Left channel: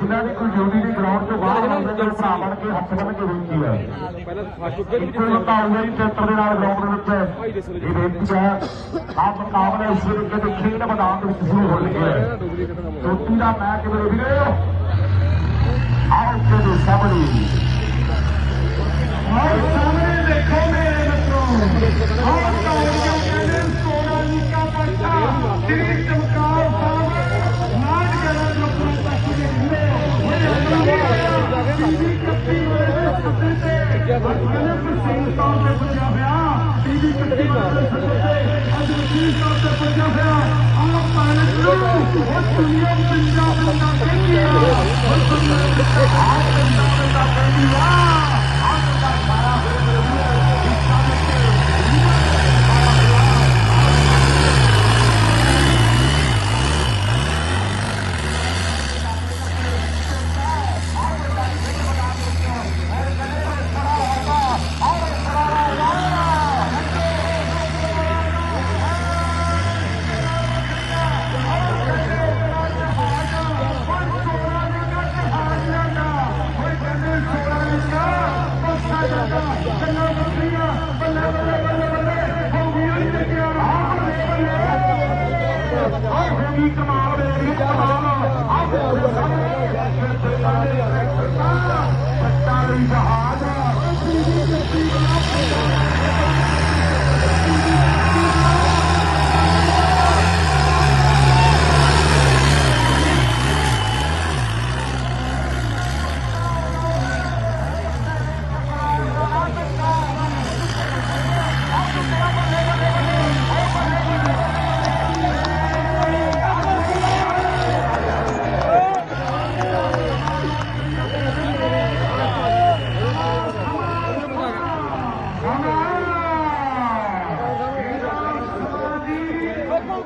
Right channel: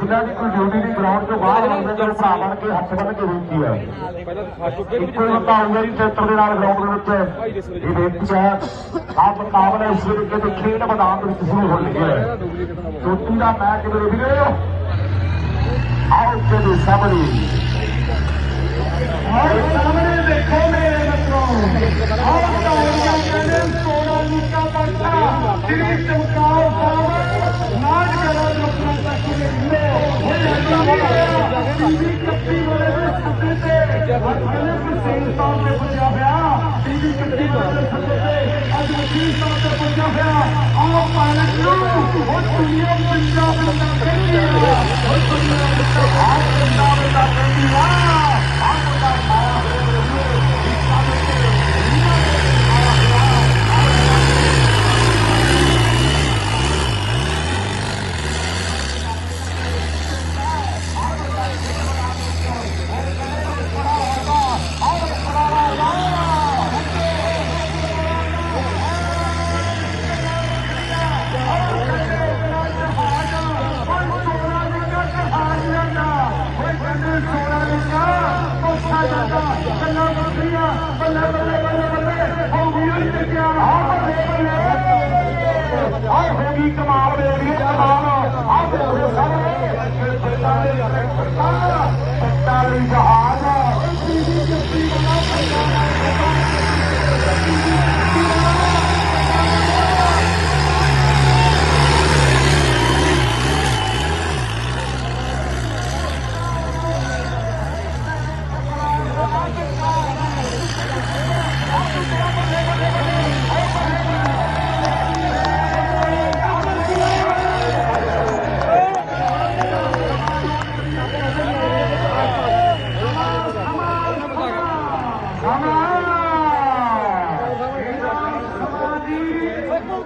ਜਿਨ੍ਹਾਂ ਦੀ ਕੋਈ ਡਿਊਟੀ ਦੀ ਗਰਾਊਂਡ ਤੋਂ ਬਾਹਰ ਆਉਂਦੇ ਤੇ ਭਰਾ ਬਣ ਕੇ ਹੱਥ ਬੰਨ ਕੇ ਬੇਨਤੀ ਹੈ ਇੱਕੋ ਆਊਗਾ ਜੀ ਸੈਂਟਰ ਦੇ ਨਾਲ ਗਰਾਊਂਡ ਦੇ ਵਿੱਚ ਇਹ ਬੇਨਤੀ ਹੈ ਆਹ ਮੁਕਾਬਲਾ ਇਸ ਵੇਲੇ ਕਿਤੇ ਖੇਡ ਮੈਦਾਨ ਦੇ ਵਿੱਚ ਸ਼ੁਰੂ ਹੋ ਚੁੱਕਿਆ ਹੈ। ਚੋਟੀ ਦਾ ਮੈਚ ਮੇਰੇ ਵੀਰੋ ਆਓ ਤੇ ਸਾਹਮਣੇ। ਤੋਂ